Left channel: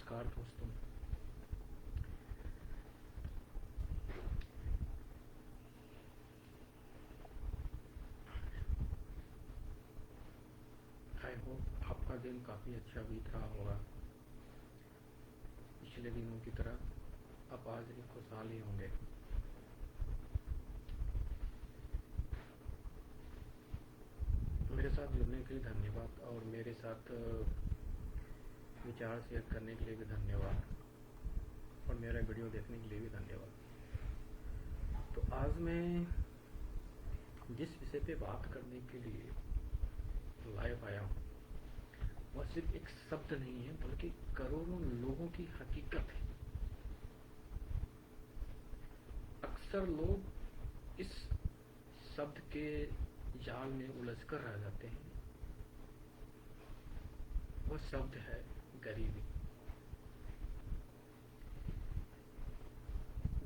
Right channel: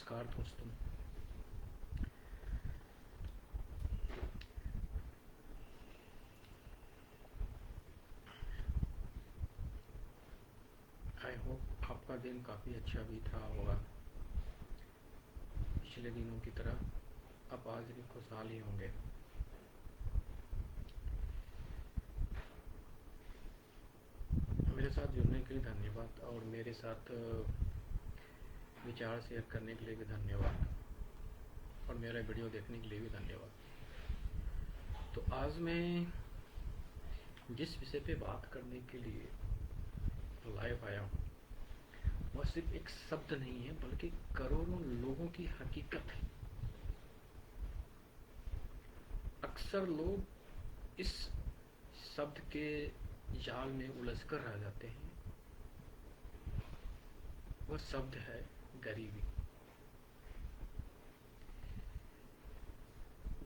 नमस्कार दोस्तों। I hope आपका दिन काफ़ी अच्छा बीत रहा होगा। पिछले दिनों की तरह आप आज भी खुशहाल ही होंगे। मेरे साथ जुड़ने के लिए धन्यवाद और मेरे साथ विचार शेयर करने के लिए भी धन्यवाद और मेरा वीडियो देखने के लिए भी धन्यवाद। तो आज मैं जिस विषय पे बात करने के लिए लाइव आया हूँ वह सिर्फ एक शब्द नहीं है बल्कि करोड़ों लोगों की हकीकत है। अक्सर लोग इस शब्द के जाल में उलझकर रह जाते हैं। वह शब्द है गरीबी।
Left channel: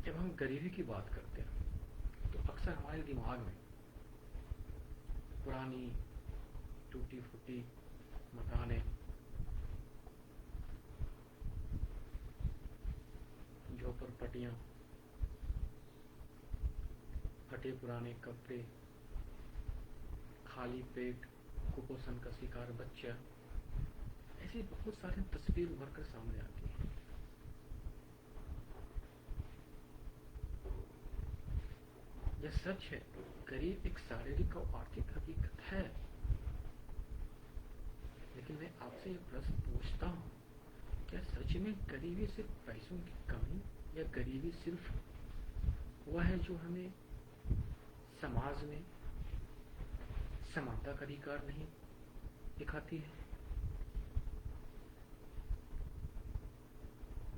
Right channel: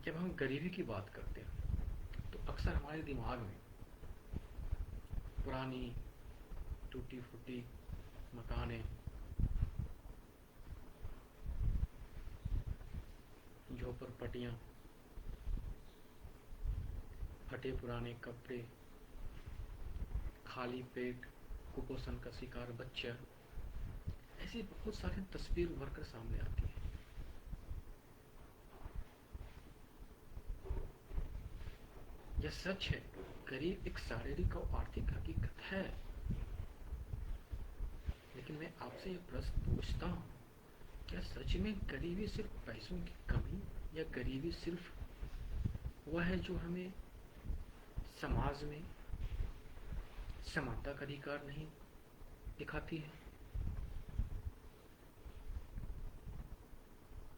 जब हम गरीबी की बात करते हैं तो अक्सर हमारे दिमाग में पुरानी टूटी फूटी मकानें, झोपड़पट्टियाँ, फटे पुराने कपड़े, खाली पेट, कुपोषण का शिकार बच्चा, ऐसी बहुत सारी तस्वीर उभर कर सामने आती है। यह सच है, गरीब एक शारीरिक और आर्थिक हकीकत है। लेकिन मैं आपसे एक प्रश्न पूछता हूँ, क्या सच में गरीबी सिर्फ पैसों की कमी या गरीबी सिर्फ वह है जो हमें समाज में समानता का अधिकार नहीं दिखाती है?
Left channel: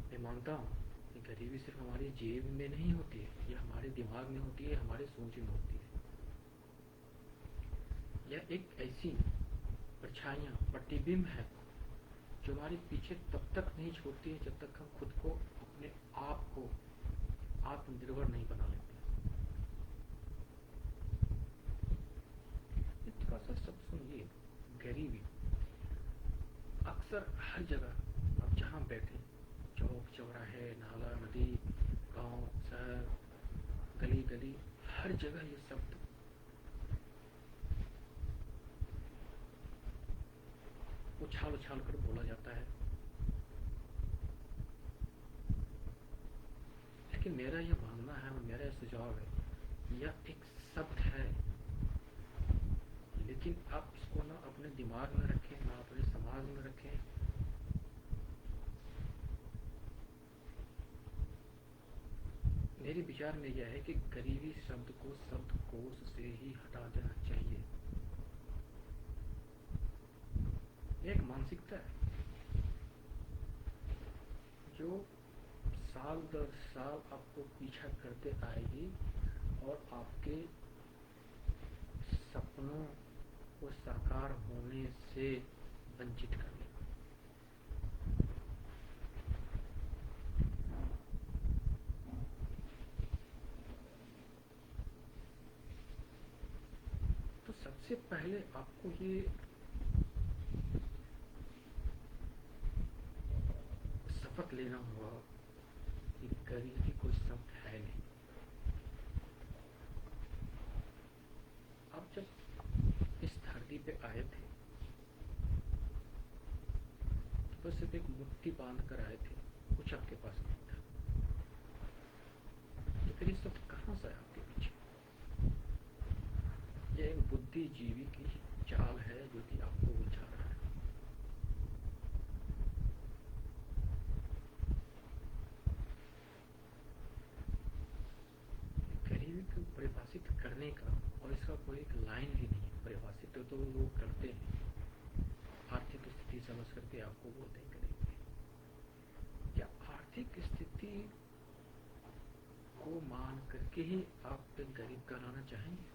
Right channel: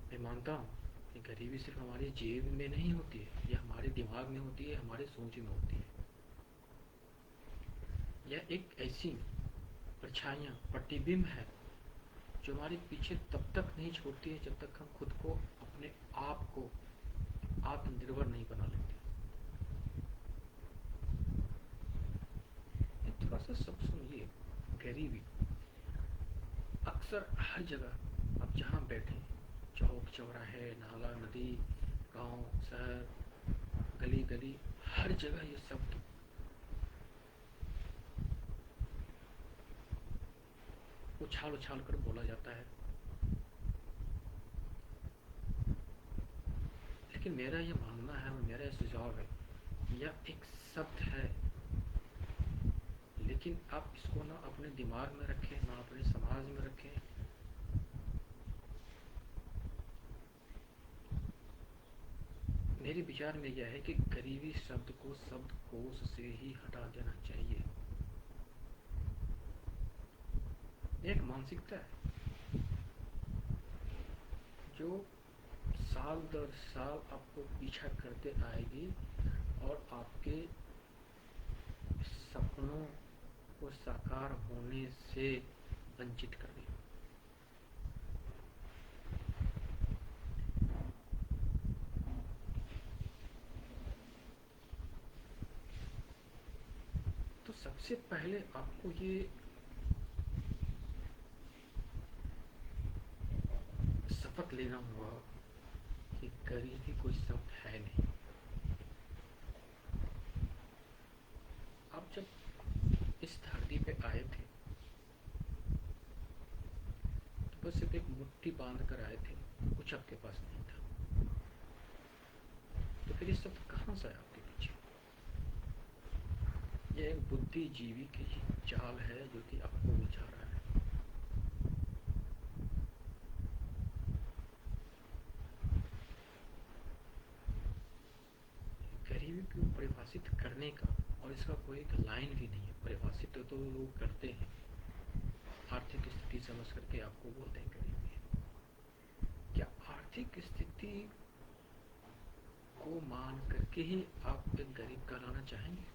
मैं मानता हूँ कि गरीबी सिर्फ हमारी जेब में नहीं होती है, यह हमारे दिमाग में होती है, हमारे सोच में होती है। यह एक ऐसी परछाइयाँ, प्रतिबिंब है जो हमारे पीछे तब तक नहीं छोड़ती है जब तक हम खुद को, अपने आप को आत्मनिर्भर नहीं बना लेते। थोड़ा सा सब सुनिए। गरीबी अक्सर हर जगह आप जहाँ बैठे, चौक चौराहे, नाला नदी, गांव शहर, गली गली, हर जगह ये शब्द उछाल उछाल कर बोला जाता है। लेकिन मेरा ये मानना है और मेरा सुझाव है, यह एक शब्द है, लेकिन आप इसको ना अपने दिमाग में रखें, ना अपने समाज में रखें। मेरे विचार में यह है कि गरीबी शब्द को शब्दकोश से ही हटा देना चाहिए। एक मानसिकता है जो साल दर साल आपको पीछा करते आएगी और आपके सपनों को साकार होने से वंचित कर देगी। तो सबसे पहले आपको ये शपथ लेना होगा कि गरीबी कोई शब्द है नहीं। आप जब इस धरती पे आए थे तो बस सिर्फ एक मुट्ठी बांध कर आए थे, कुछ आपके पास नहीं था। तो फिर ये शब्द कहाँ से आया आपके पीछे? यह एक बुद्धिजीवी की चाल है जो कि आपको उलझा रहा है। गरीबी को परिभाषित करने का और इसका कोई एक लाइन भी नहीं है। परिभाषित तो लोग करते हैं, आर्थिक स्थिति समझ करके आपको बोलते हैं गरीबी है। क्या आर्थिक स्थिति को मान करके ही आप एक गरीब कहलाना चाहेंगे?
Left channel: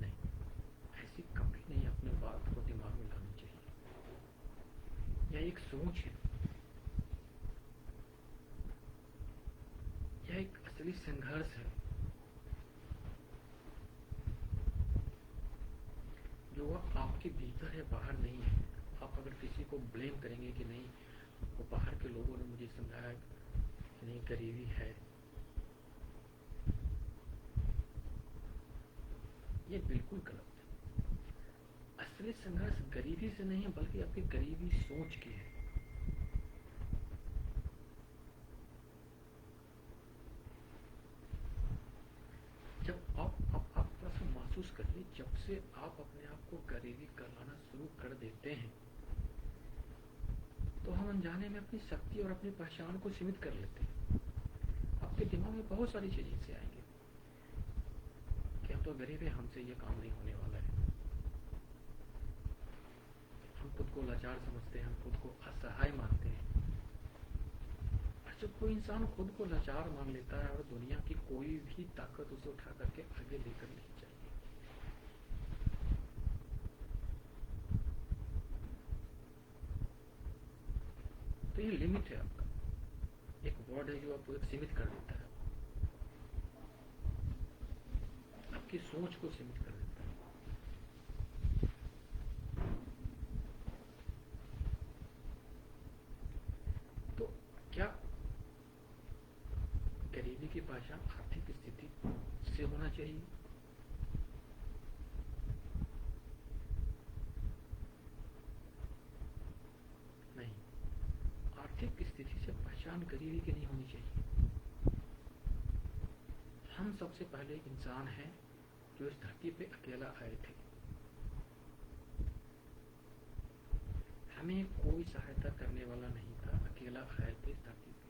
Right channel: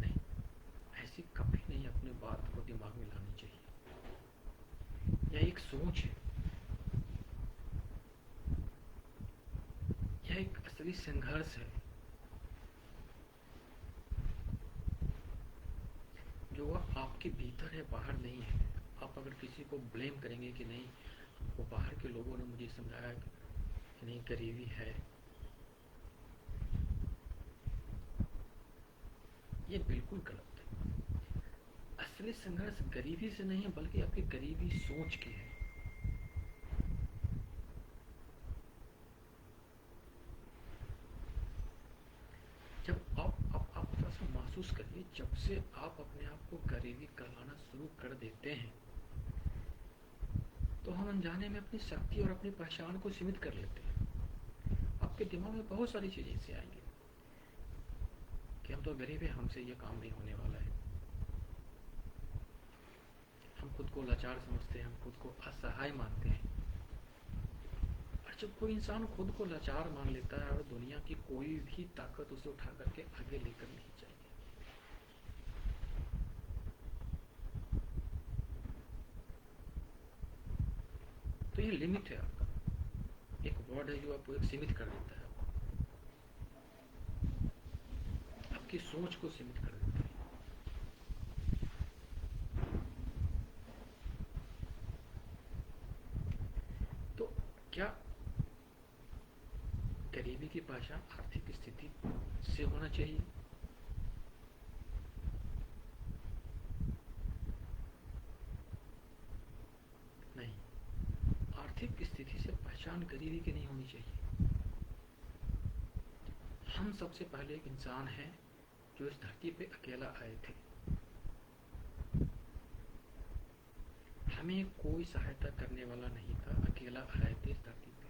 नहीं, ऐसी कभी नहीं अपने बात को दिमाग में लानी चाहिए। यह एक सोच है, यह एक असली संघर्ष है। जो वह आपके भीतर है, बाहर नहीं है। आप अगर किसी को ब्लेम करेंगे कि नहीं, वो बाहर के लोगों ने मुझे समझाया कि नहीं गरीबी है, ये बिल्कुल गलत है। असली संघर्ष गरीबी से नहीं है, बल्कि आपकी गरीबी सोच की है। जब आप थोड़ा सा महसूस करिए, जब से आप अपने आप को गरीबी कहलाना शुरू कर देते हैं, तो हम अनजाने में अपनी शक्ति और अपनी पहचान को सीमित कर लेते हैं। आपके दिमाग में बहुत सारी चीजें ऐसे आएंगी कि हम तो गरीब हैं, हमसे ये काम नहीं होने वाला है। हम खुद को लाचार समझते हैं, हम खुद को असहाय मानते हैं। और जब कोई इंसान खुद को लाचार मान लेता है, और दुनिया की कोई भी ताकत उसे उठा करके आगे लेकर नहीं चाहिए। तो ये लिमिट है आपका, एक वर्ड है जो आपको एक सीमित कर देता है, आपकी सोच को सीमित कर देता है। तो क्या गरीबी की पहचान आर्थिक स्थिति से होना चाहिए? नहीं, आर्थिक स्थिति से पहचान गरीबी की नहीं होनी चाहिए। हम सबसे पहले एक इंसान हैं जो इस धरती पे अकेला आए थे। हमें कोई सहायता करने वाला नहीं था, अकेला आए थे इस धरती पे।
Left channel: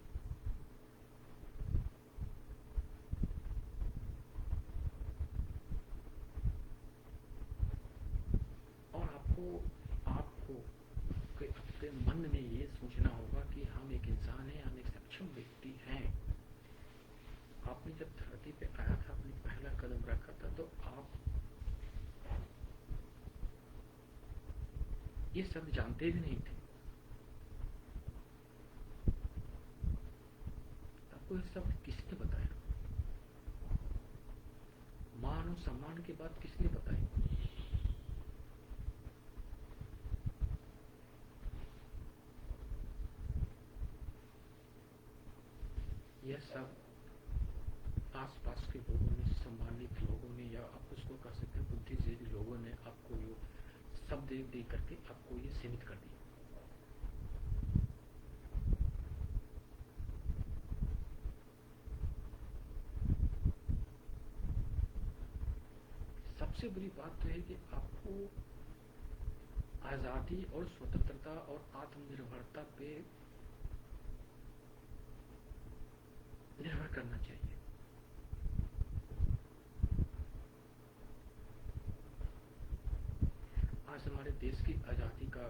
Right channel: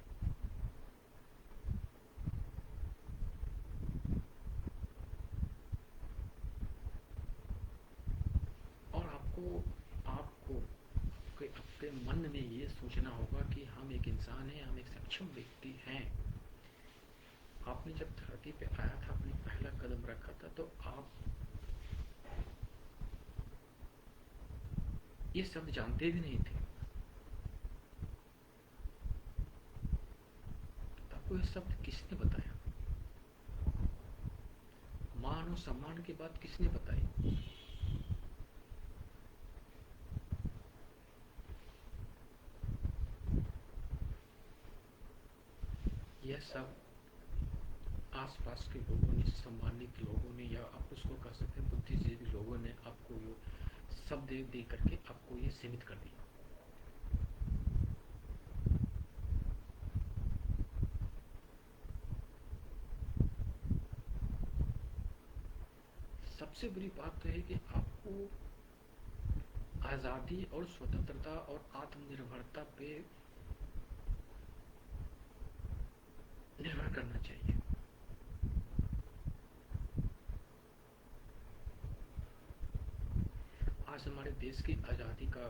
और आपको अपने मन में ये सोचना होगा कि हम एक इंसान हैं, हम एक सक्षम व्यक्ति हैं। आपने जब धरती पे आया था, आपने पहला कदम रखा था, तो आप ये शब्द जानते भी नहीं थे। आपको ये शब्द किसने बताया? मान और सम्मान की बात किसने बताई? यह सब आसपास के लोगों ने, सम्मानित लोगों ने, या आप उसको कह सकते हैं बुद्धिजीवी लोगों ने आपको ये शब्द दे करके आपको ये सीमित कर दिया। सबसे बुरी बात तो है कि आपको आजादी और स्वतंत्रता और आत्मनिर्भरता पे निर्भर करना चाहिए। आज हमारे देश की आजादी का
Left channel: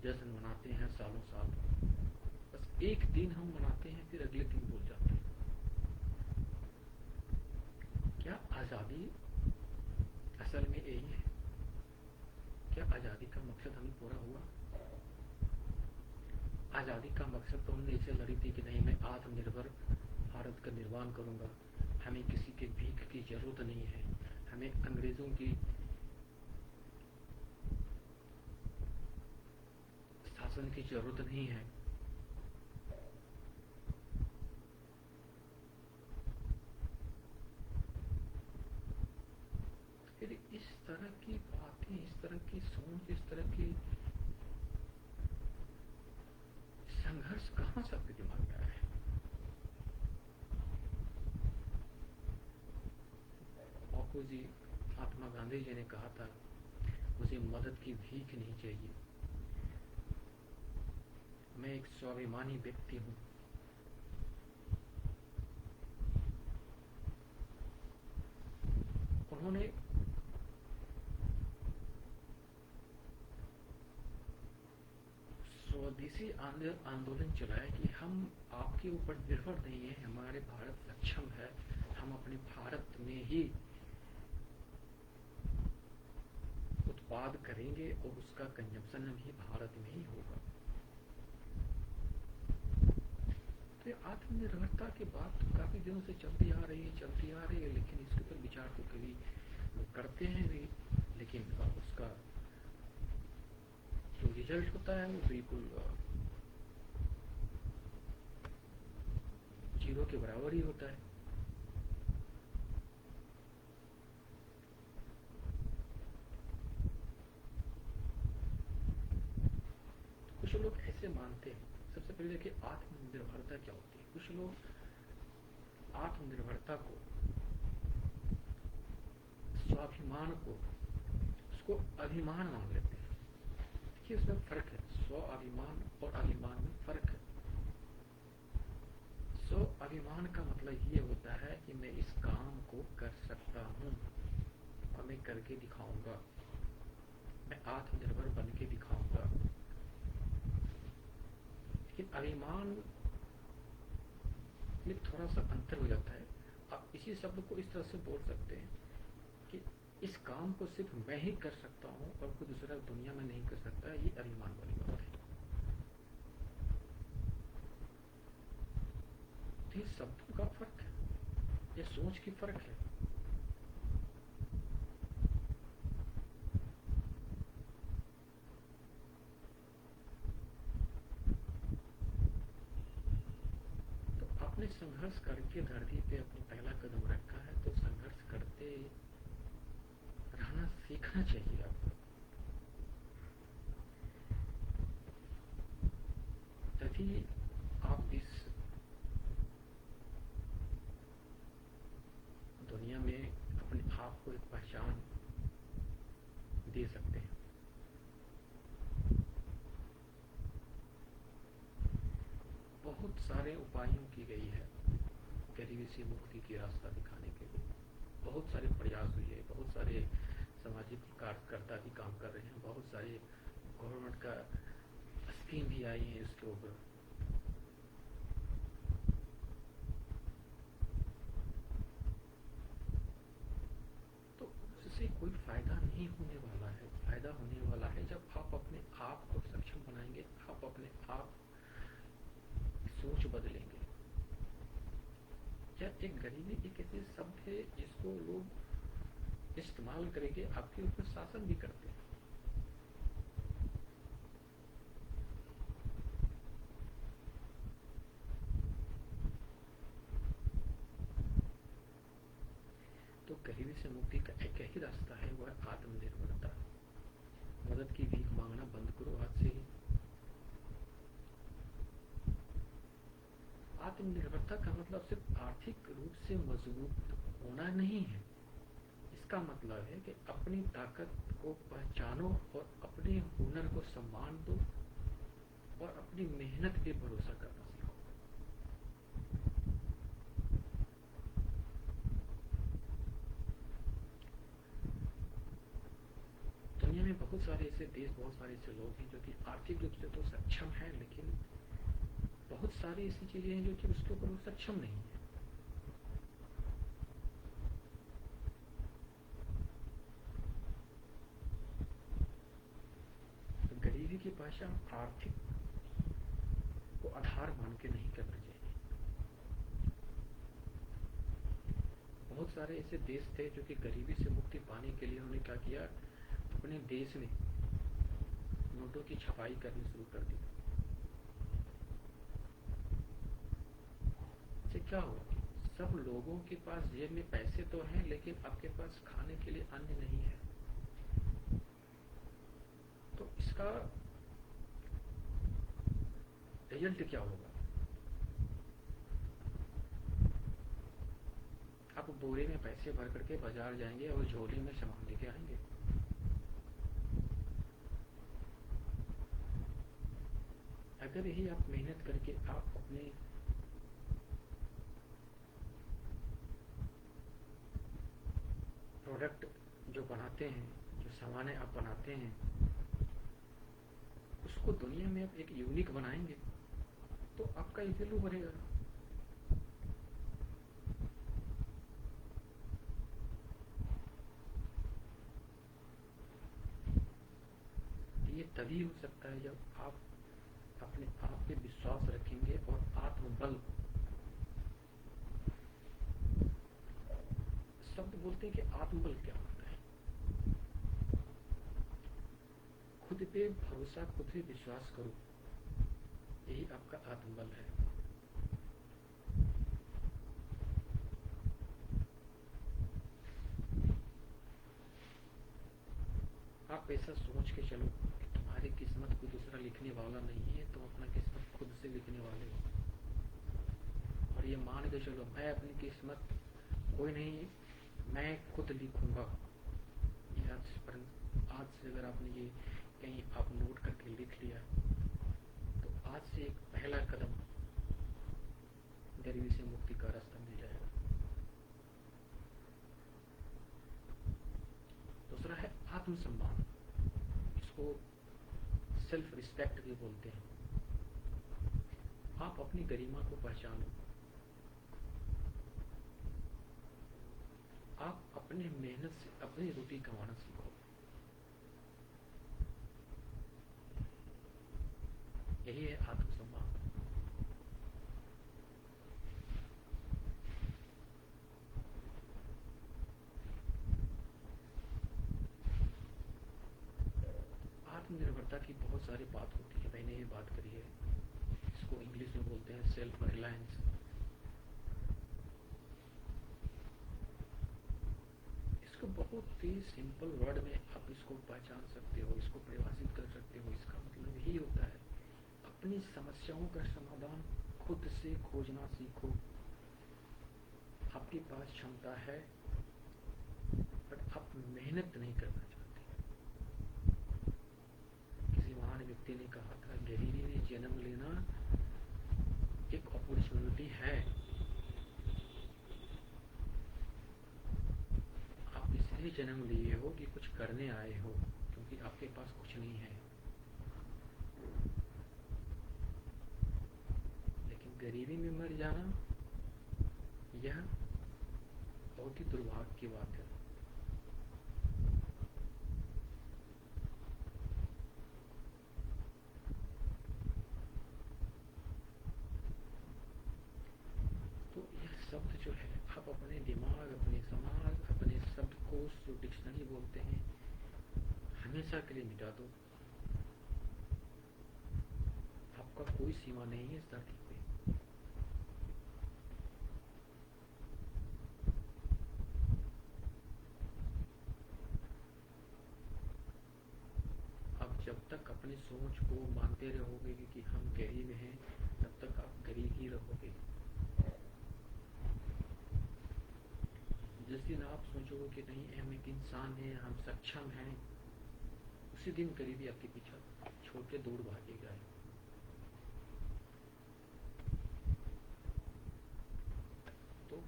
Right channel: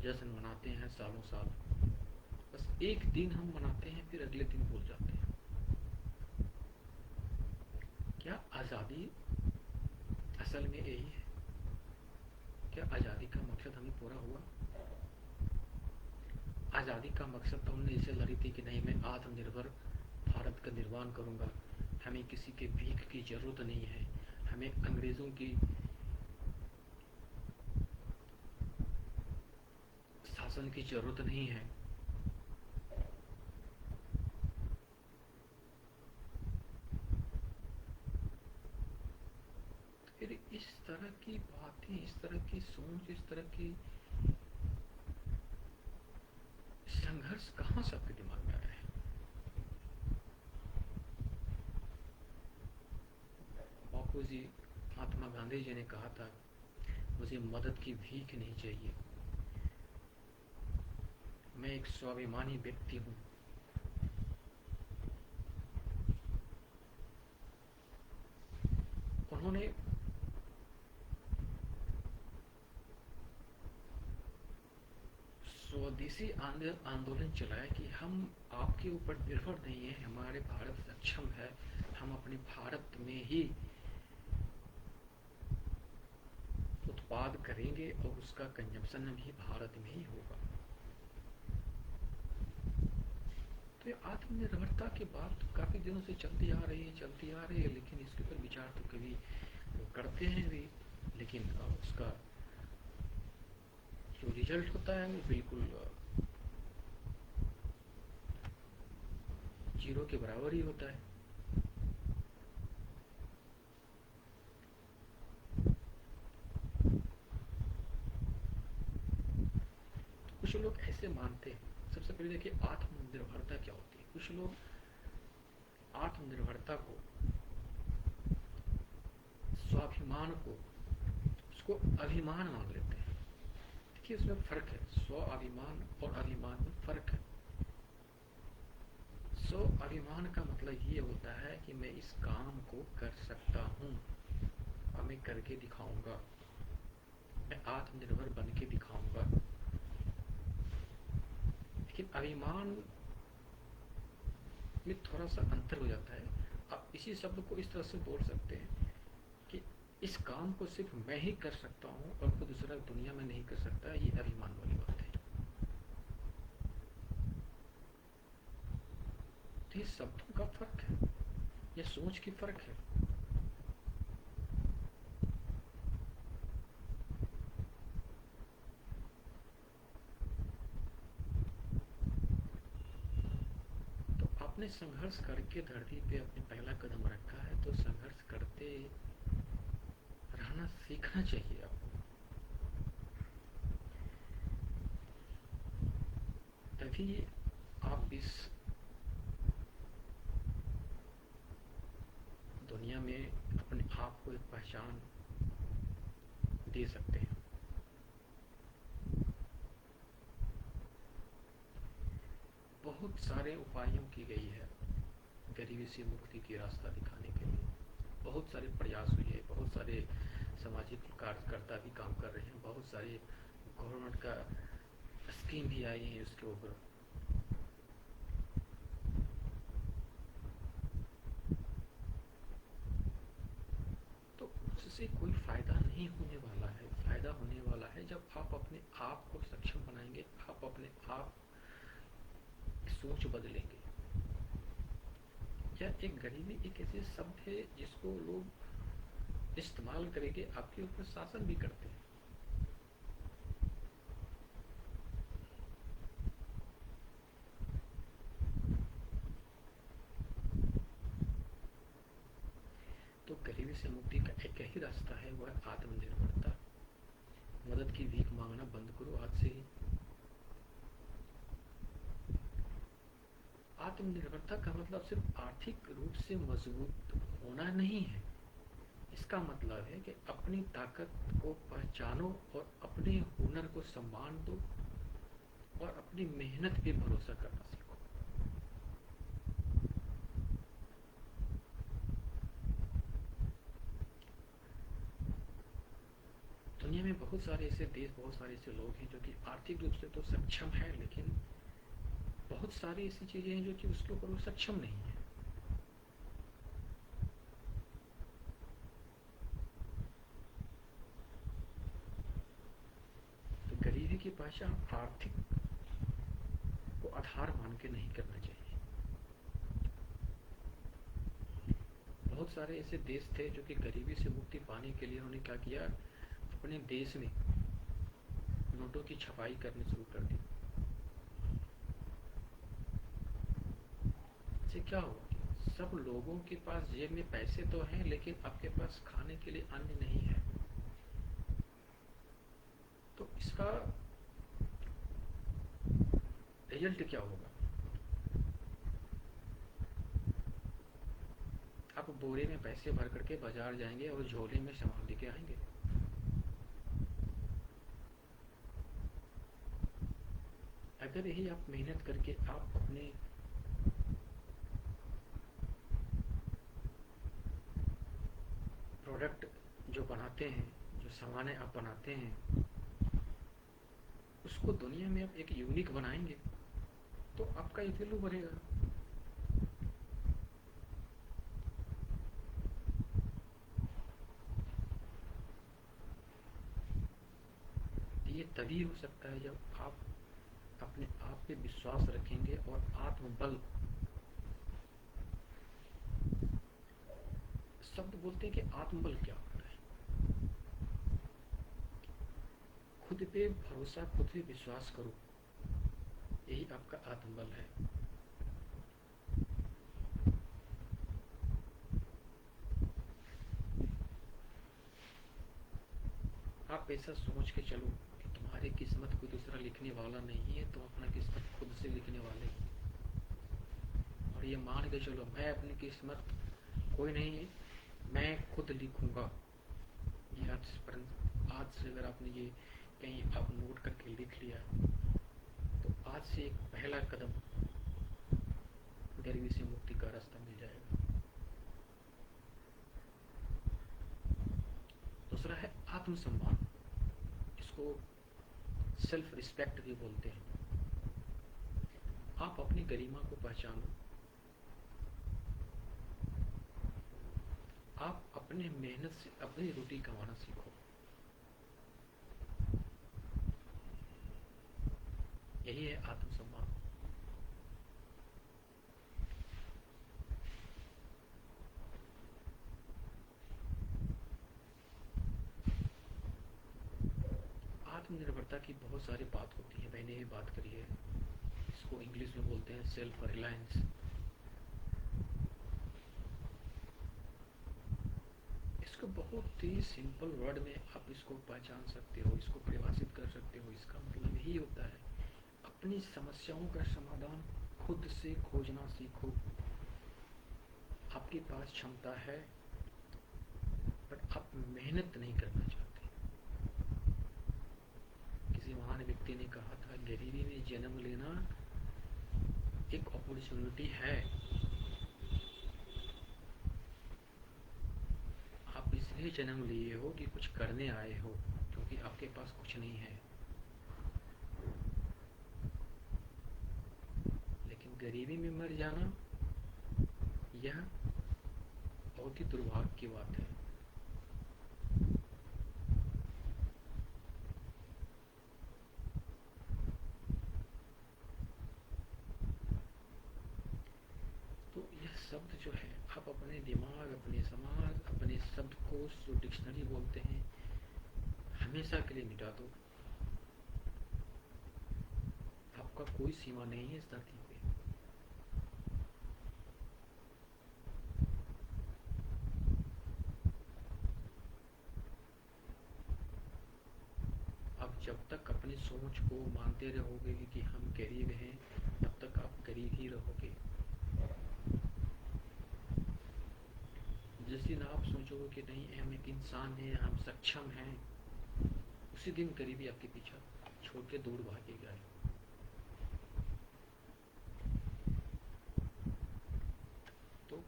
जश्न मनाते हैं सालों साल, बस एक दिन हम मनाते हैं, फिर अगले दिन भूल जाते हैं। क्या आजादी असल में यही है? क्या आजादी का मकसद हमें पूरा हुआ? आजादी का मकसद तो हमने इसे लड़ी थी कि नहीं, मैं आत्मनिर्भर भारत का निर्माण करूंगा, हमें किसी के भीख की जरूरत नहीं है, हमें अंग्रेजों की शासन की जरूरत नहीं है। फिर इस तरह की बातें, इस तरह की सोच, इस तरह की संघर्ष कहां से आपके दिमाग में आया है? बापू जी, महात्मा गांधी जी ने कहा था, मुझे मदद की भीख नहीं चाहिए, मैं एक स्वाभिमानी व्यक्ति हूं। उन्होंने स्वदेशी आंदोलन चलाया कि हम आपके ऊपर निर्भर नहीं है, हमारे भारत सक्षम है, हम अपने भारत में ही उत्पाद करेंगे और उसका कंजम्पशन भी भारत में ही होगा। तो ये आत्मनिर्भरता की बात काफी दिनों से चलती आ रही है, लेकिन इसके ऊपर विचार तो कभी लोग करते हैं भी, लेकिन उसका जो रिजल्ट होता है वो बिल्कुल जीरो के बराबर ही होता है। कुछ लोग ऐसे मानते हैं, सबसे पहले देखिए आत्मनिर्भरता क्या होती है। कुछ लोग आत्मनिर्भरता को, स्वाभिमान को, उसको अभिमान मान लेते हैं। देखिए उसमें फर्क है, स्वाभिमान और अभिमान में फर्क है। स्व अभिमान का मतलब ये होता है कि मैं इस काम को कर सकता हूँ और मैं करके दिखाऊंगा, मैं आत्मनिर्भर बन के दिखाऊंगा। लेकिन अभिमान में थोड़ा सा अंतर हो जाता है। आप इसी शब्द को इस तरह से बोल सकते हैं कि इस काम को सिर्फ मैं ही कर सकता हूँ और कोई दूसरा दुनिया में नहीं कर सकता। ये अभिमान वाली बात है। तो ये शब्दों का फर्क है, ये सोच की फर्क है। आपने संघर्ष करके धरती पे अपने पहला कदम रखा है, तो संघर्ष करते रहना सीखना चाहिए आपको। तभी आप इस दुनिया में अपने आप को एक पहचान दे सकते हैं। बहुत सारे उपायों की गई है गरीबी से मुक्ति की रास्ता दिखाने के लिए। बहुत सारे प्रयास हुए हैं, बहुत सारे सामाजिक कार्यकर्ता भी काम कर रहे हैं, बहुत सारे गवर्नमेंट का स्कीम भी आई है इसके ऊपर। तो उससे कोई फायदा नहीं होने वाला है। फायदा होने वाला है जब आप अपने आप को सक्षम बनाएंगे, आप अपने आप सोच बदलेंगे। या एक गरीबी एक ऐसे शब्द है जिसको लोग इस्तेमाल करेंगे, आपके ऊपर शासन भी करते हैं। तो गरीबी से मुक्ति का एक ही रास्ता है, वह आत्मनिर्भरता। मदद की भीख मांगना बंद करो आज से ही। आत्मनिर्भरता का मतलब सिर्फ आर्थिक रूप से मजबूत होना नहीं है। इसका मतलब है कि अपनी ताकत को पहचानो और अपने हुनर को सम्मान दो और अपनी मेहनत पे भरोसा करना सीखो। दुनिया में बहुत सारे ऐसे देश, बहुत सारे ऐसे लोग हैं जो कि आर्थिक रूप से तो सक्षम है, लेकिन बहुत सारी ऐसी चीजें हैं जो कि उसके ऊपर वो सक्षम नहीं है। तो गरीबी की पहचान आर्थिक को आधार मान के नहीं करना चाहिए। बहुत सारे ऐसे देश थे जो कि गरीबी से मुक्ति पाने के लिए उन्होंने क्या किया, अपने देश में नोटों की छपाई करनी शुरू कर दी। इससे क्या हुआ कि सब लोगों के पास जेब में पैसे तो हैं, लेकिन आपके पास खाने के लिए अन्न नहीं है। तो इसका रिजल्ट क्या होगा? आप बोरे में पैसे भर करके बाजार जाएंगे और झोले में सामान लेके आएंगे। अगर यही आप मेहनत करके आप अपने प्रोडक्ट जो बनाते हैं, जो सामान आप बनाते हैं, उसको दुनिया में आप एक यूनिक बनाएंगे तो आपका वैल्यू बढ़ेगा। ये तभी हो सकता है जब आप अपने आप पे विश्वास रखेंगे और आत्मबल। शब्द बोलते हैं कि आत्मबल क्या होता है। खुद पे भरोसा, खुद पे विश्वास करो, यही आपका आत्मबल है। आप ऐसा सोच के चलो कि तुम्हारी किस्मत कोई दूसरा लिखने वाला नहीं है, तुम अपना किस्मत खुद से लिखने वाले हो। और ये मान के चलो, मैं अपनी किस्मत, कोई नहीं, मैं खुद लिखूंगा। ये आज से अगर आपने ये कहीं आप नोट करके लिख लिया, तो आज से एक पहला कदम गरीबी से मुक्ति का रास्ता मिल जाएगा। दूसरा है आत्मसम्मान, इसको सेल्फ रिस्पेक्ट भी बोलते हैं। आप अपनी गरिमा को पहचानो, आप अपने मेहनत से अपनी रोटी कमाना सीखो। यही है आत्मसम्मान। आत्मनिर्भरता की बहुत सारी बात होती है, मैंने ये बात करी है। इसको इंग्लिश में बोलते हैं सेल्फ रिलायंस। इसको बहुत ही सिंपल वर्ड में आप इसको पहचान सकते हो, इसको परिभाषित कर सकते हो। इसका मतलब यही होता है, अपनी समस्याओं का समाधान खुद से खोजना सीखो। आपके पास क्षमता है, बट आप मेहनत नहीं करना चाहते। किसी महान व्यक्ति ने कहा था, गरीबी में जन्म लेना एक अपॉर्चुनिटी है। आप इसलिए जन्म लिए हो कि कुछ करने आए हो, क्योंकि आपके पास कुछ नहीं है। लेकिन गरीबी में मर जाना, यह बहुत ही दुर्भाग्य की बात है। तो यह शब्द जो है, आप अपने दिमाग, अपने समाज, अपने शब्दकोश जो डिक्शनरी बोलते हैं, हमेशा के लिए मिटा दो। आपका कोई सीमा नहीं है इस धरती पे। आप जब तक अपनी सोच को मानते रहोगे कि हम गरीब हैं, तब तक आप गरीब ही रहोगे। जिस दिन आप सोचोगे कि नहीं, हम एक इंसान हैं, हम सक्षम हैं, उसी दिन गरीबी आपके पीछा छोड़ के दूर भागेगा। तो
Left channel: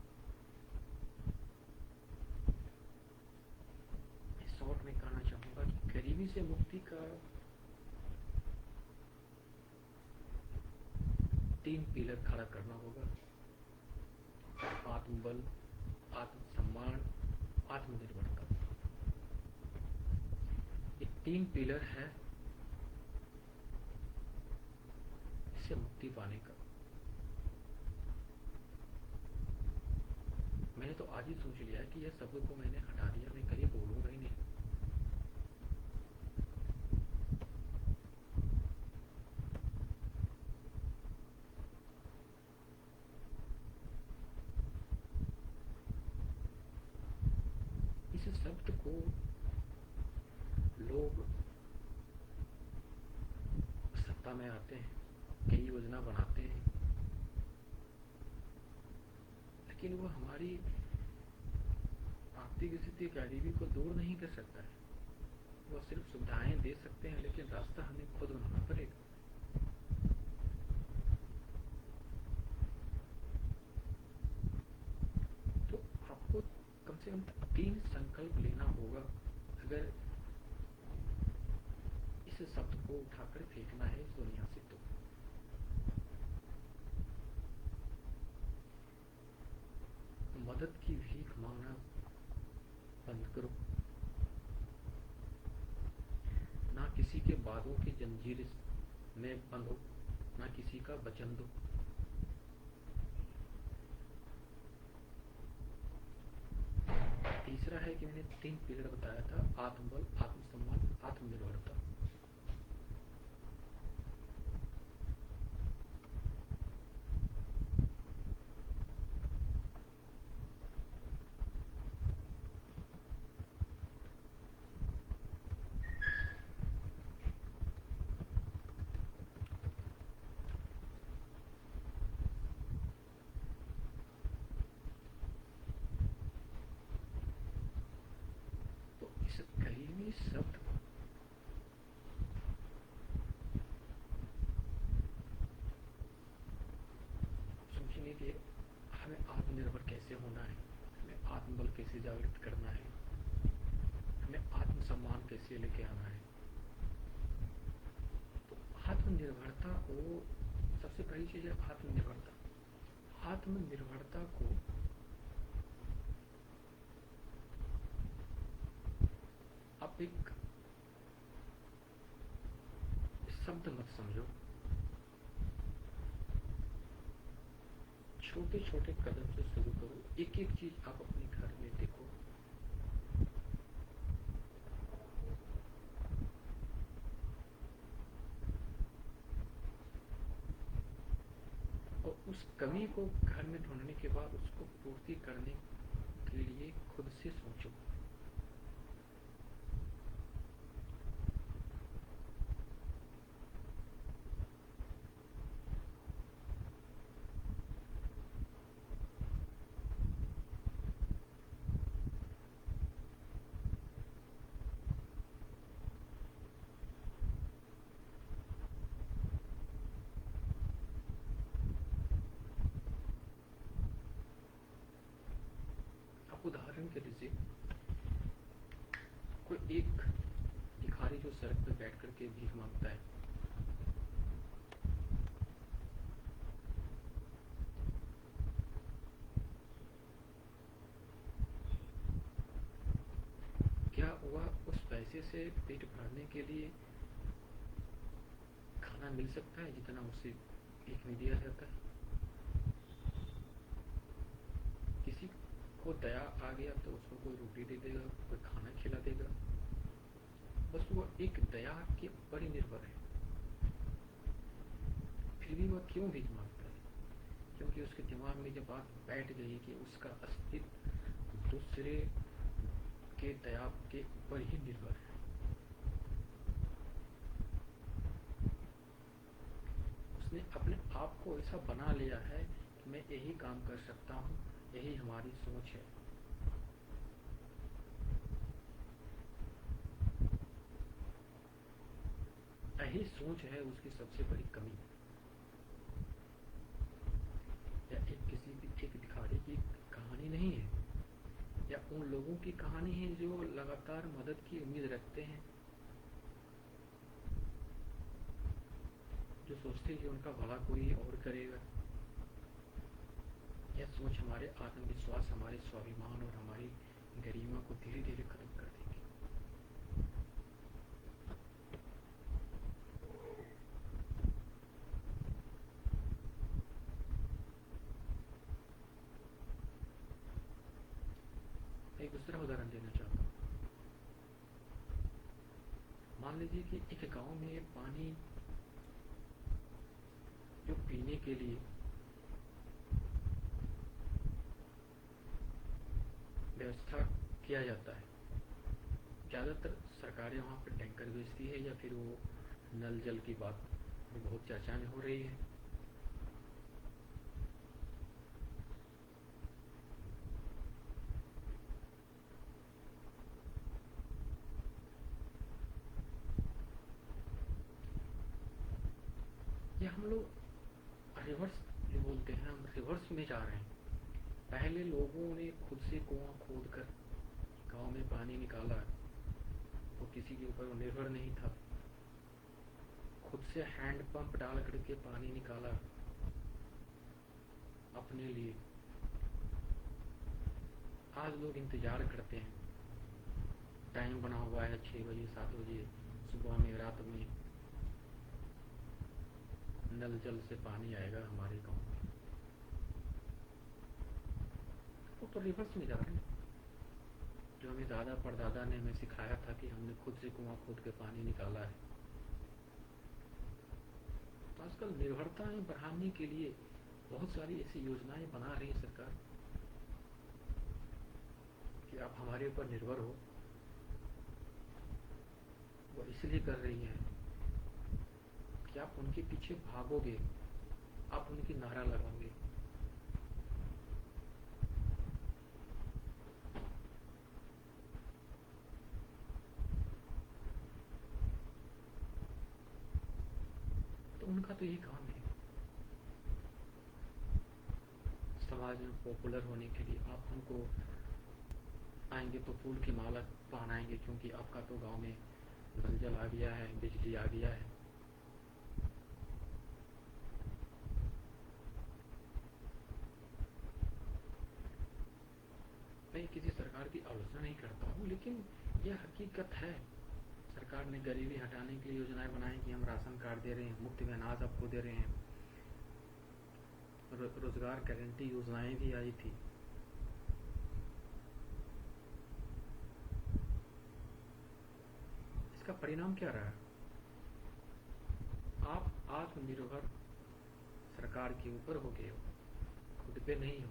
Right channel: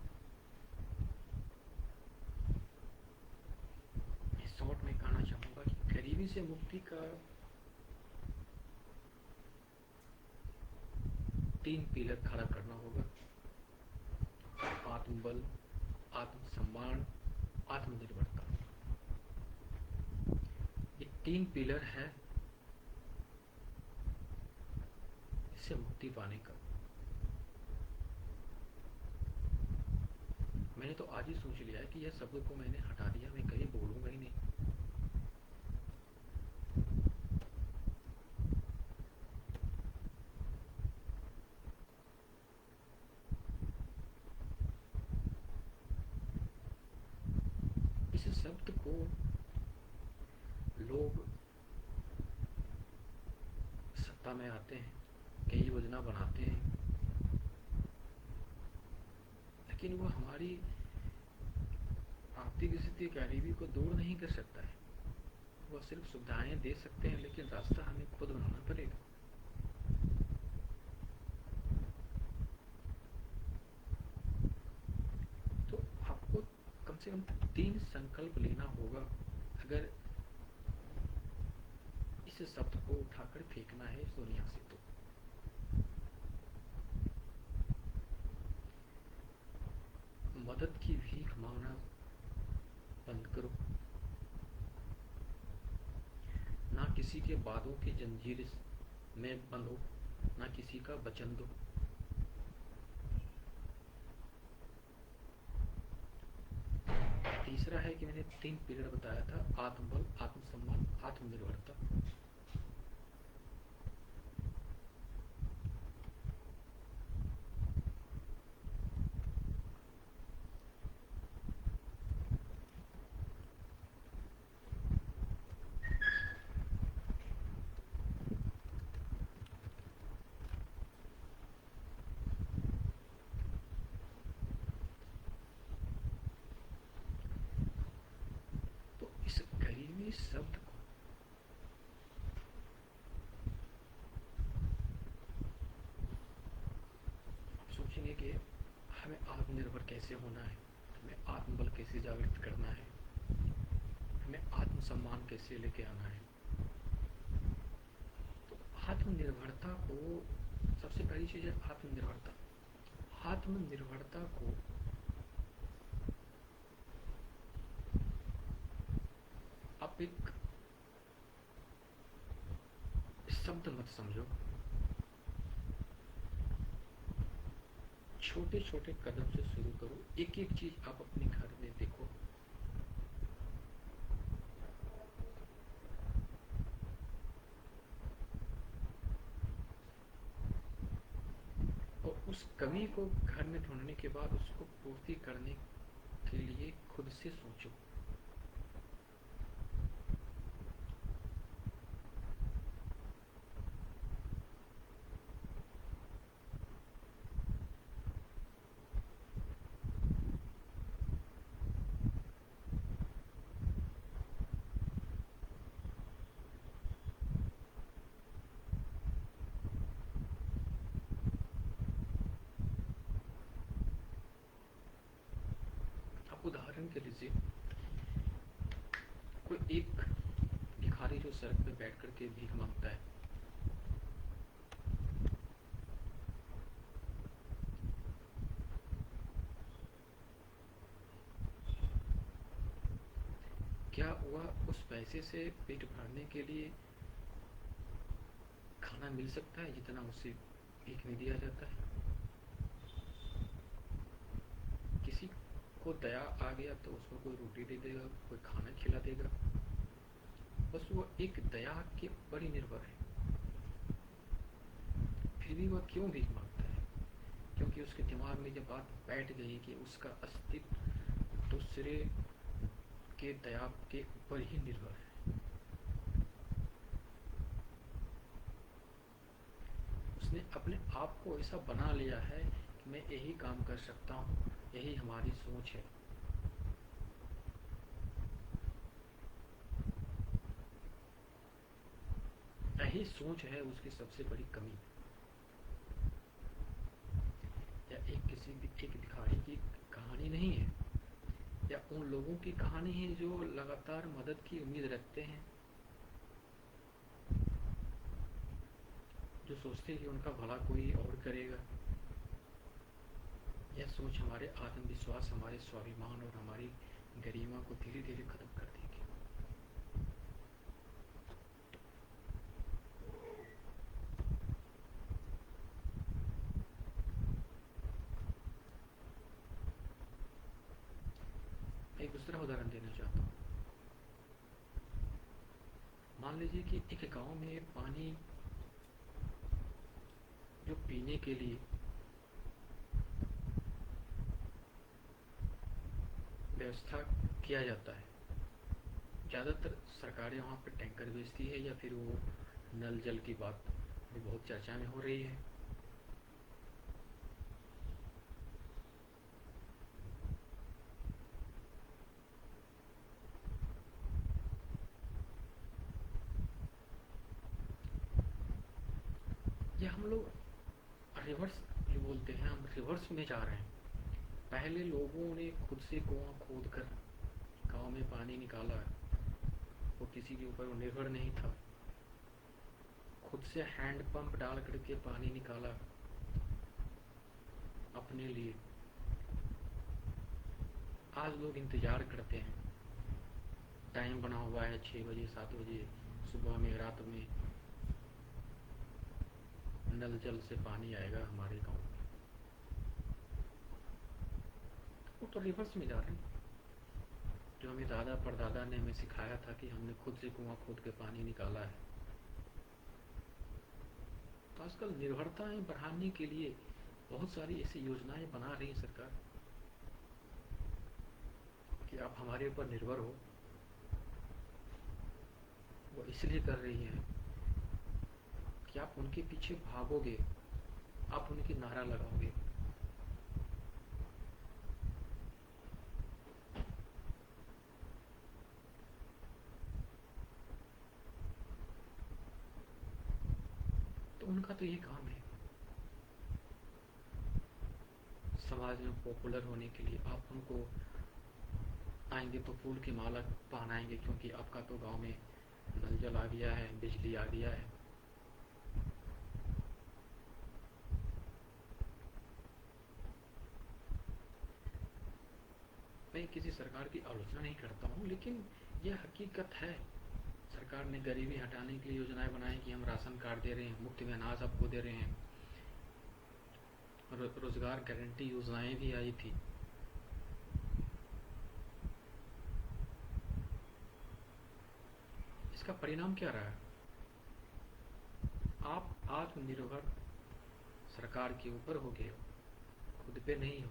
शॉर्ट में कहना चाहूंगा कि गरीबी से मुक्ति का 3 पिलर खड़ा करना होगा: आत्मबल, आत्मसम्मान, आत्मनिर्भरता। ये 3 पिलर है इससे मुक्ति पाने का। मैंने तो आज ही सोच लिया है कि यह शब्द को मैंने हटा दिया, मैं कहीं बोलूंगा ही नहीं। इस शब्द को लोग सत्ता में आते हैं, कई योजना बनाते हैं, लेकिन वो हमारी आर्थिक स्थिति, गरीबी को दूर नहीं कर सकता है। वो सिर्फ सुविधाएं दे सकते हैं, लेकिन रास्ता हमें खुद बनाना पड़ेगा। तो आपको कम से कम 3 संकल्प लेना होगा अगर इस शब्द को उठाकर फेंकना है इस दुनिया से। तो मदद की भीख मांगना बंद करो, ना किसी के वादों की जंजीर में बंधो, ना किसी का वचन दो। तीसरा है कि मैंने 3 पिलर बताया था: आत्मबल, आत्मसम्मान, आत्मनिर्भरता। गरीबी शब्द को सोचेंगे कि हमें आत्मनिर्भर कैसे होना है, हमें आत्मबल कैसे जागृत करना है, हमें आत्मसम्मान कैसे लेके आना है। तो आत्मनिर्भरता को सबसे पहली चीज है आत्मनिर्भरता। आत्मनिर्भरता को आप एक शब्द मत समझो, छोटे छोटे कदम से शुरू करो। एक एक चीज आप अपने घर में देखो। और उस कमी को घर में ढूंढने के बाद उसको पूर्ति करने के लिए खुद से सोचो। उदाहरण के लिए कोई एक भिखारी जो सड़क पे बैठ करके भीख मांगता है, क्या वह उस पैसे से पेट भरने के लिए खाना मिल सकता है जितना उसे भीख में दिया जाता है? किसी को दया आ गया तो उसको कोई रोटी दे देगा, कोई खाना खिला देगा, बस वो एक दया के ऊपर ही निर्भर है। फिर भी वह क्यों भीख मांगता है? क्योंकि उसके दिमाग में ये बात बैठ गई कि उसका अस्तित्व दूसरे के दया के ऊपर ही निर्भर है। उसने अपने आप को ऐसा बना लिया है कि मैं यही काम कर सकता हूँ, यही हमारी सोच है। यही सोच है उसकी सबसे बड़ी कमी। या एक भिखारी की कहानी नहीं है, या उन लोगों की कहानी है जो लगातार मदद की उम्मीद रखते हैं, जो सोचते हैं कि उनका भला कोई और करेगा। यह सोच हमारे आत्मविश्वास, हमारे स्वाभिमान और हमारी गरिमा को धीरे धीरे खत्म कर देगी। एक दूसरा उदाहरण देना चाहता हूँ। मान लीजिए कि एक गांव में पानी जो पीने के लिए व्यवस्था किया जाता है, ज़्यादातर सरकारें वहाँ पर टैंकर भेजती है, या फिर वो नल जल की बात भी बहुत चर्चा में हो रही है। ये हम लोग रिवर्स जो बोलते हैं, हम रिवर्स में जा रहे हैं। पहले लोगों ने खुद से कुआं खोद कर गाँव में पानी निकाला, वो किसी के ऊपर निर्भर नहीं था। खुद से हैंड पंप डाल करके पानी निकाला अपने लिए। आज लोग इंतजार करते हैं, टाइम बना हुआ है 6 बजे 7 बजे सुबह में, रात में नल जल से पानी आएगा हमारे गांव में। वो तो रिवर्स में जा रहे हैं। जो हमें दादा परदादा ने हमें सिखाया था कि हमने खुद से कुआं खोद के पानी निकाला है। तो आजकल निर्भरताएं बढ़ाने के लिए बहुत सारी ऐसी योजनाएं बना रही है सरकार कि आप हमारे ऊपर निर्भर हो। वो इसलिए कर रही है कि आप उनके पीछे भागोगे, आप उनकी नारा लगाओगे। उनका तो ये काम है समाज में पॉपुलर होने के लिए। आप उनको आएंगे तो फूल की माला पहनाएंगे क्योंकि आपका तो गांव में नल जल आ गया है, बिजली आ गया है। मैं किसी सरकार की आलोचना नहीं करता हूँ, लेकिन यह हकीकत है। सरकार ने गरीबी हटाने के लिए योजनाएं बनाई कि हम राशन कार्ड दे रहे हैं, मुफ्त में अनाज आपको दे रहे हैं, रोजगार गारंटी योजनाएं भी आई थी। इसका परिणाम क्या रहा? आप आत्मनिर्भर सरकार के ऊपर हो गए हो, खुद पे नहीं हो।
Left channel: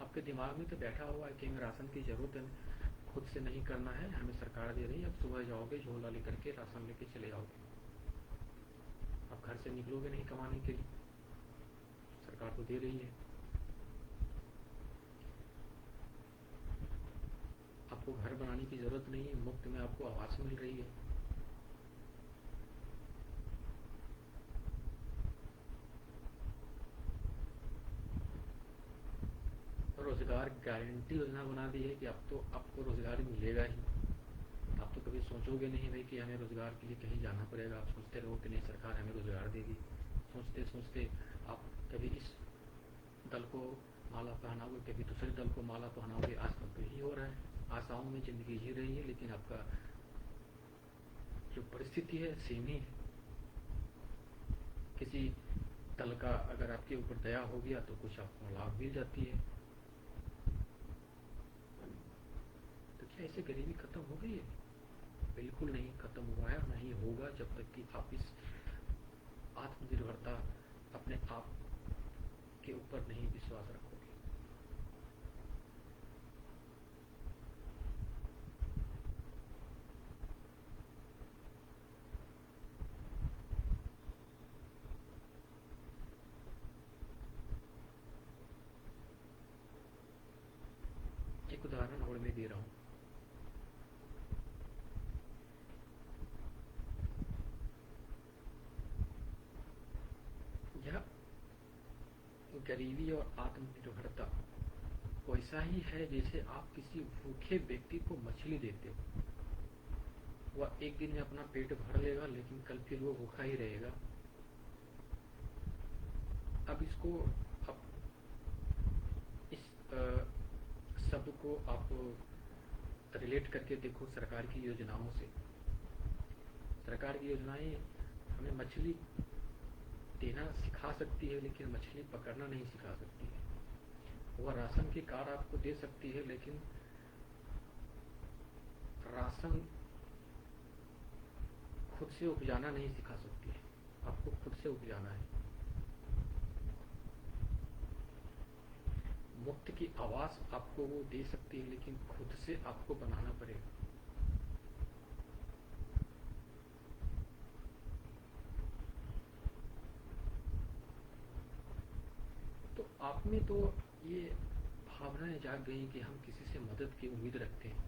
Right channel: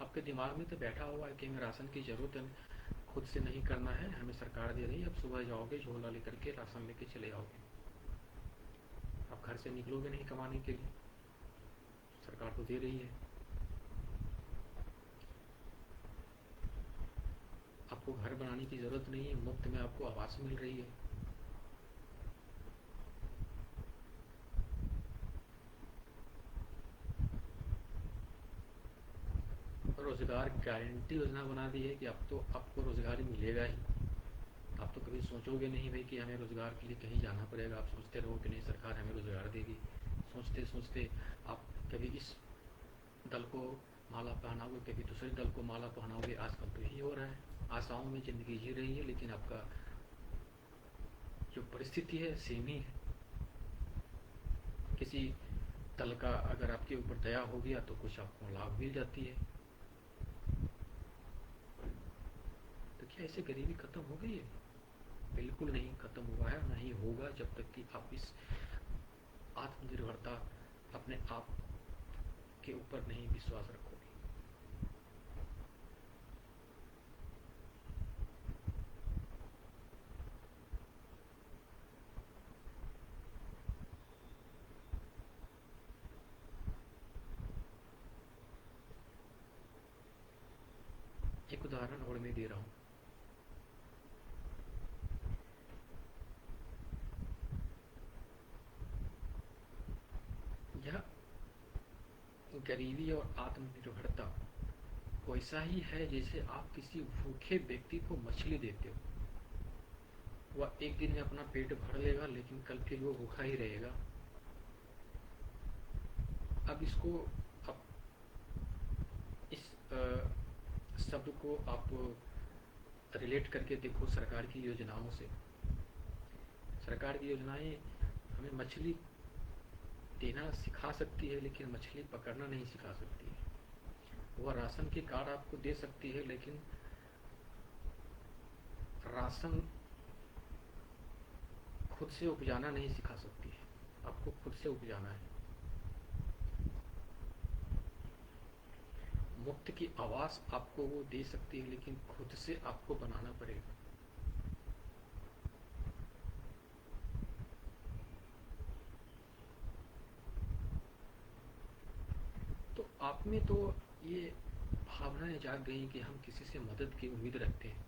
आपके दिमाग में तो बैठा हुआ है कि हमें राशन की जरूरत है, खुद से नहीं करना है, हमें सरकार दे रही है। अब सुबह जाओगे झोला लेकर के राशन लेके चले आओगे, आप घर से निकलोगे नहीं कमाने के लिए, सरकार तो दे रही है। आपको घर बनाने की जरूरत नहीं है, मुफ्त में आपको आवास मिल रही है। रोजगार गारंटी योजना बना दी है कि अब तो आपको रोजगार मिलेगा ही। आप तो कभी सोचोगे नहीं भाई कि हमें रोजगार के लिए कहीं जाना पड़ेगा। आप सोचते रहो कि नहीं सरकार हमें रोजगार देगी। सोचते सोचते आप कभी इस दल को माला पहनाओगे, कभी दूसरे दल को माला पहनाओगे। आजकल तो यही हो रहा है, आशाओं में जिंदगी जी रही है, लेकिन आपका जो परिस्थिति है सेम ही है। किसी दल का अगर आपके ऊपर दया हो गया तो कुछ आपको लाभ मिल जाती है। तो क्या इससे गरीबी खत्म हो गई है? बिल्कुल नहीं खत्म हुआ है, नहीं होगा जब तक कि आप इस आत्मनिर्भरता अपने आप के ऊपर नहीं विश्वास रखोगे। एक उदाहरण और मैं दे रहा हूँ। यह गरीबी और आत्मनिर्भरता वैसा ही है जैसे आप किसी भूखे व्यक्ति को मछली देते हो। वह एक दिन में अपना पेट भर लेगा, लेकिन कल फिर वो भूखा ही रहेगा। अब इसको अब इस शब्द को आप रिलेट करके देखो सरकार की योजनाओं से। सरकार की योजनाएं हमें मछली देना सिखा सकती है, लेकिन मछली पकड़ना नहीं सिखा सकती है। वह राशन की कार्ड आपको दे सकती है, लेकिन राशन खुद से उपजाना नहीं सिखा सकती है। आपको खुद से उपजाना है। मुफ्त की आवास आपको वो दे सकती है, लेकिन खुद से आपको बनाना पड़ेगा। तो आप में तो ये भावनाएं जाग गई कि हम किसी से मदद की उम्मीद रखते हैं।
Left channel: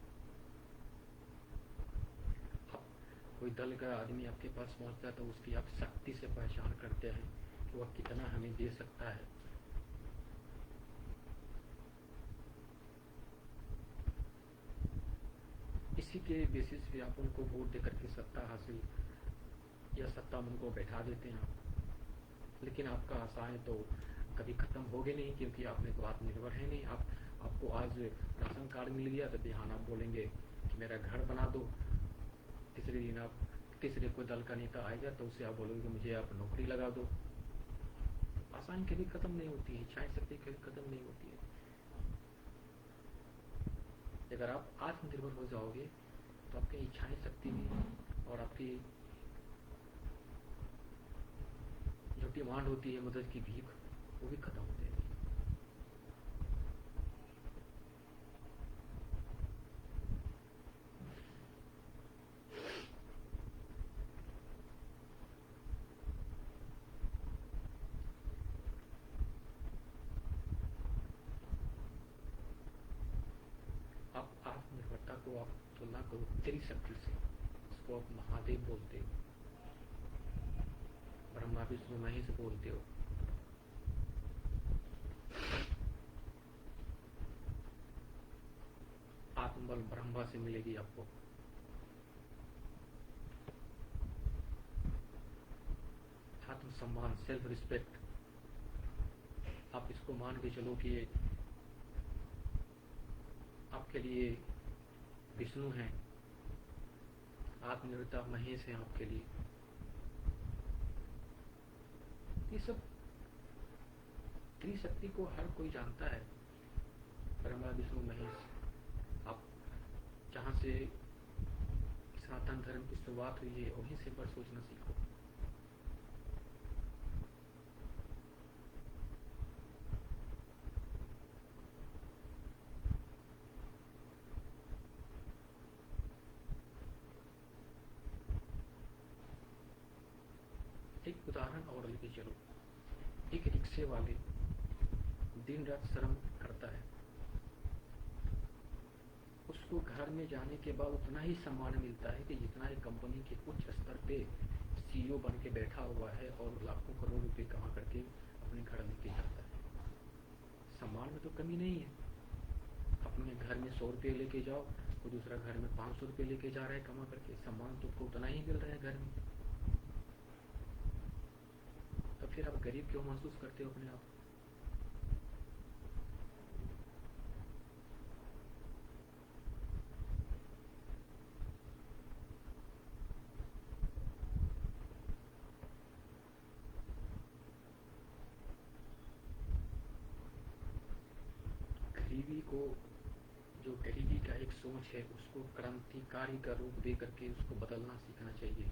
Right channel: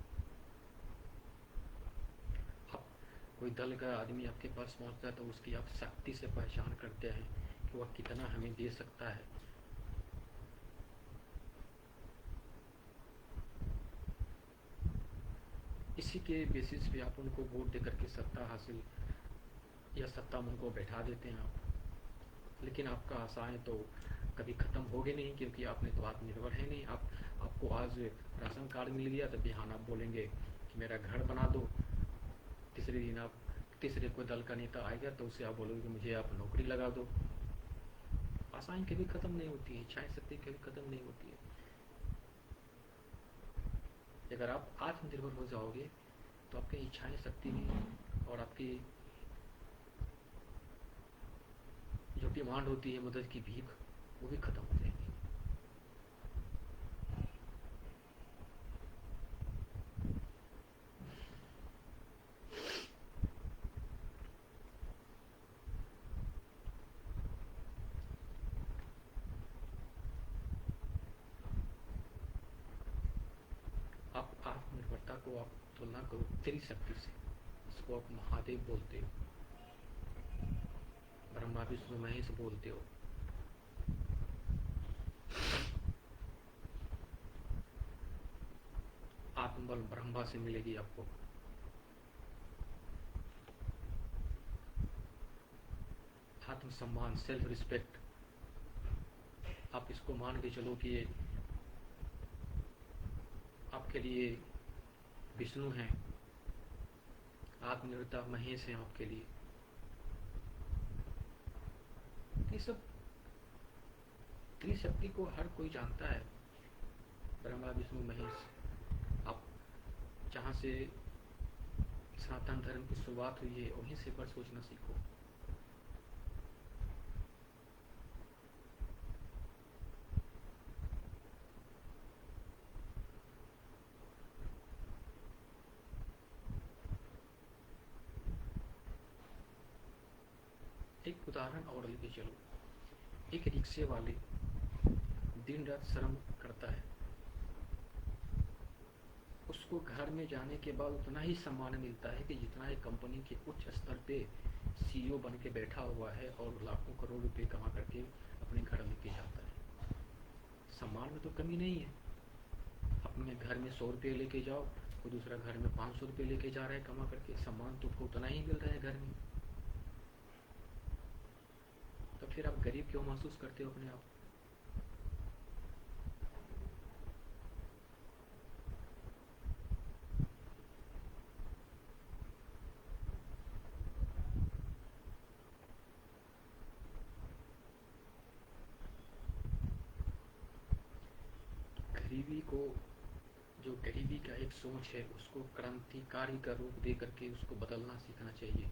आप कोई दल का आदमी आपके पास पहुंचता है तो उसकी आप शक्ति से पहचान करते हैं कि वह कितना हमें दे सकता है। इसी के बेसिस पे आप उनको वोट देकर के सत्ता हासिल या सत्ता में उनको बैठा देते हैं आप। लेकिन आपका आशाएं तो कभी खत्म होगी नहीं, क्योंकि आपने तो आत्मनिर्भर है नहीं। आपको आज राशन कार्ड मिल गया तो बिहान आप बोलेंगे कि मेरा घर बना दो। तीसरे दिन आप तीसरे कोई दल का नेता आएगा तो उसे आप बोलोगे कि मुझे आप नौकरी लगा दो। आशाएं कभी खत्म नहीं होती है, इच्छाएं शक्ति कभी खत्म नहीं होती है। अगर आप आत्मनिर्भर हो जाओगे तो आपकी इच्छाएं शक्ति भी और आपकी जो डिमांड होती है मदद की भीख, वो भी खत्म हो जाएगी। आप आत्मनिर्भरता को आप तुलना करो तेरी शक्ति से, इसको आप महादेव बोलते हो। ब्रह्मा विष्णु महेश बोलते हो। आत्मबल ब्रह्मा से मिलेगी आपको। आत्मसम्मान, सेल्फ रिस्पेक्ट, आप इसको मान के चलो कि ये आपके लिए विष्णु हैं, आत्मनिर्भरता महेश हैं आपके लिए। ये सब त्रिशक्ति को हर कोई जानता है, ब्रह्मा विष्णु महेश। आप जहाँ से सनातन धर्म की शुरुआत हुई है वहीं से पर सोचना सीखो। एक उदाहरण और लेके चलो। एक रिक्शे वाले दिन रात श्रम करता है, उसको घर में जाने के बाद उतना ही सम्मान मिलता है कि जितना एक कंपनी के उच्च स्तर पे सीईओ बन के बैठा हुआ है और लाखों करोड़ रुपए कमा करके अपने घर लेके जाता है। सम्मान में तो कमी नहीं है। अपने घर में 100 रुपये लेके जाओ, कोई दूसरा घर में 500 रुपये लेके जा रहा है कमा करके, सम्मान तो उतना ही मिल रहा है घर में। तो फिर आप गरीब क्यों महसूस करते हो अपने आप? गरीबी को, जो गरीबी का एक सोच है, उसको क्रांतिकारी का रूप दे करके उसको बदलना सीखना चाहिए।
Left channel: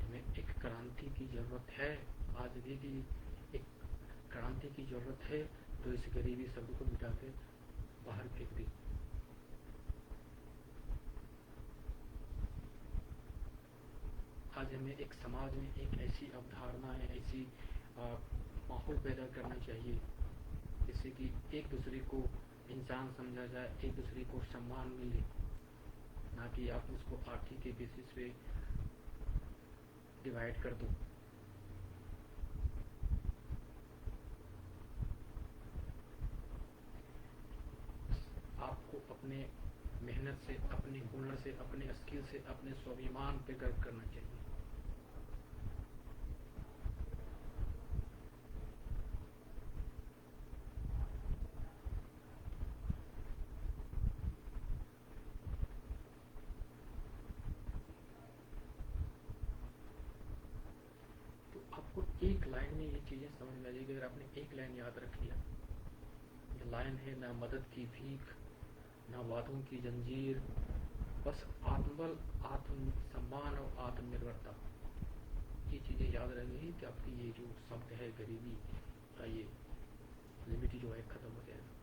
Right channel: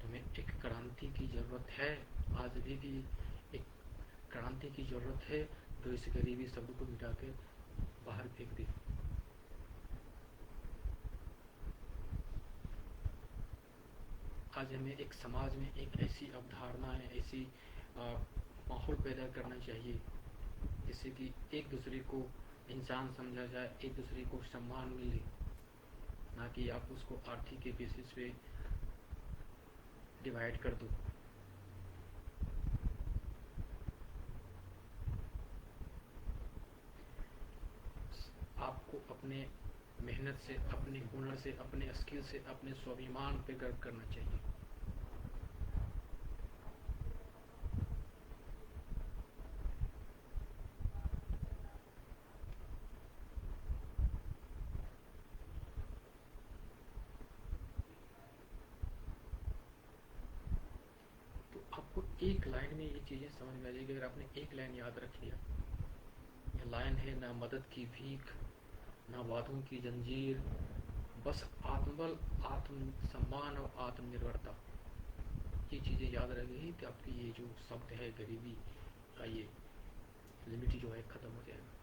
तुम्हें एक क्रांति की जरूरत है, आज भी एक क्रांति की जरूरत है जो इस गरीबी शब्द को मिटा के बाहर फेंक दे। आज हमें एक समाज में एक ऐसी अवधारणा है, ऐसी माहौल पैदा करना चाहिए जिससे कि एक दूसरे को इंसान समझा जाए, एक दूसरे को सम्मान मिले, ना कि आप उसको आर्थिक के बेसिस पे डिवाइड कर दो। आपको अपने मेहनत से, अपने हुनर से, अपने स्किल से, अपने स्वाभिमान पे गर्व करना चाहिए। तो आपको एक लाइन में ये चीजें समझ में आ जाएगी। अगर आपने एक लाइन याद रख लिया, ये लाइन है, ना मदद की भीख, ना वादों की जंजीर, बस आत्मबल, आत्मसम्मान और आत्मनिर्भरता। ये चीजें याद रहेंगी कि आपकी ये जो शब्द है गरीबी का, ये लिमिट जो है खत्म हो जाएगा।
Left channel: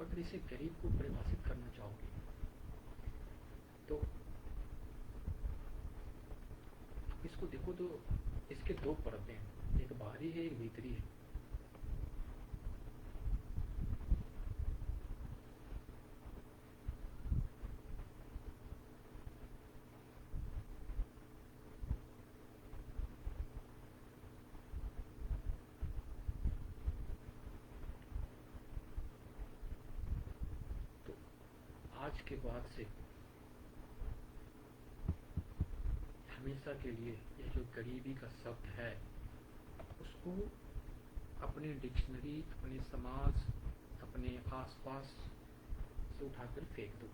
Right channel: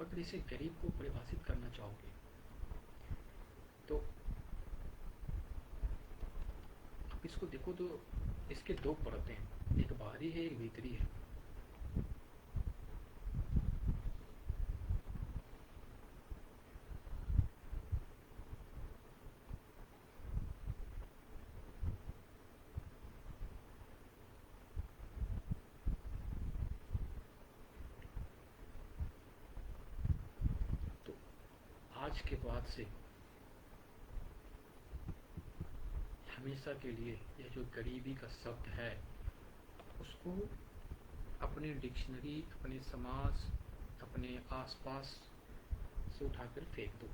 अगर इसे गरीब को परिभाषित करना चाहोगे तो आप इसको देखो तो इसके दो परतें हैं, एक बाहरी है, एक भीतरी है। तो आज के बाद से हमेशा के लिए यह जो गरीबी का शब्द है उसको अपनी डिक्शनरी, अपने समाज, अपने आसपास से उठाकर फेंक दो।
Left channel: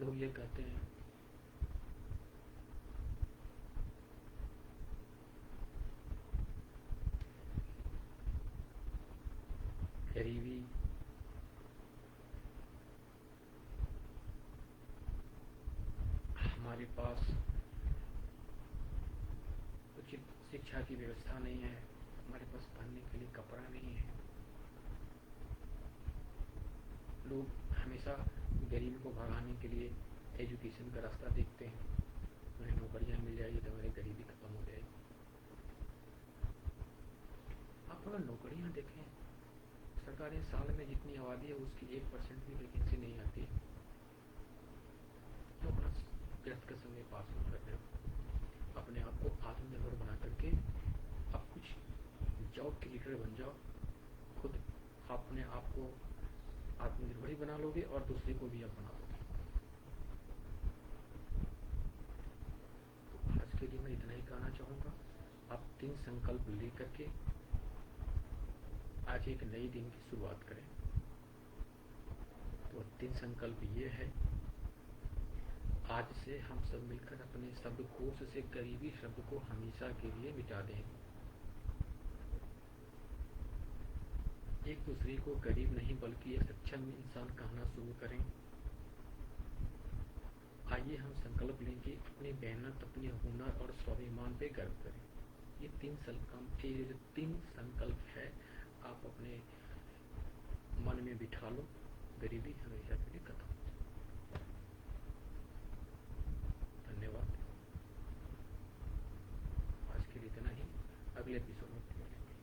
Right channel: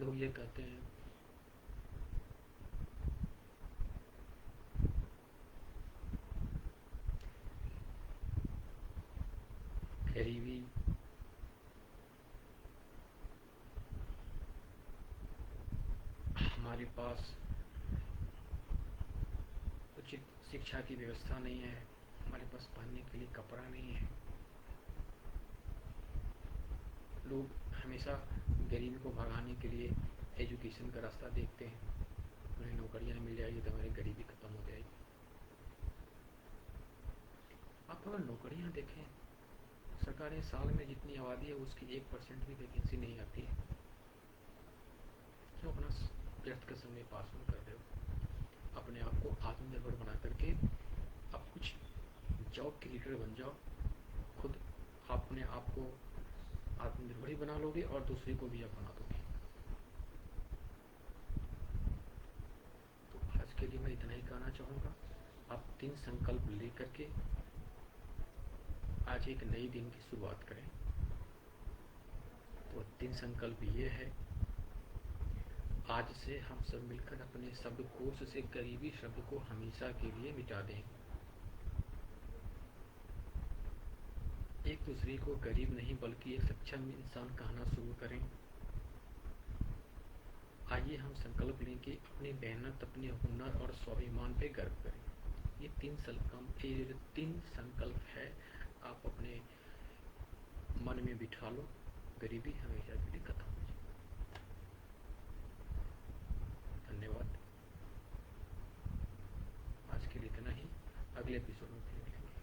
लोग ये कहते हैं हमारे पास उचित शिक्षा की व्यवस्था नहीं है, हमारे पास पहनने के लिए कपड़ा नहीं है। लोग हमेशा गरीबी को भगाने के लिए एजुकेशन का रास्ता देखते हैं, उन्हें नौकरियां मिल जाएगी तो हमारी गरीबी खत्म हो जाएगी। आप अगर नौकरियां देखें, सरकारें साल में जितनी आबादी है उसकी 1% भी वैकेंसी नहीं आती है। क्यों अपना व्यर्थ का समय पास नहीं कर रहे हो? अपने आप को आत्मनिर्भर बना करके आप कुछ जॉब के लीडर बन जाओ, खुद अपने आप को आत्मनिर्भर ही बना लोगे और दूसरे को भी आप बना दोगे। तो आज के लिए मैं इतना ही कहना चाहूँगा। आप 3 संकल्प लेकर के आज एक नई दिन की शुरुआत करें। तो 3 संकल्प ये है, आज से हम सब मिलकर अपने शब्दकोश से गरीबी शब्द को हमेशा के लिए मिटा दें। एक दूसरे को गरीब नहीं बल्कि एक सक्षम इंसान कहना शुरू करें। आइए हम संकल्प लें कि अपनी मेहनत, अपने हुनर और स्वाभिमान पे गर्व करें। ये 3 संकल्प है, आप अपने मन में बिठा लो, गरीबी हमेशा के लिए खत्म हो जाए। धन्यवाद। आज के लिए इतना ही, अगले एपिसोड में फिर मिलेंगे।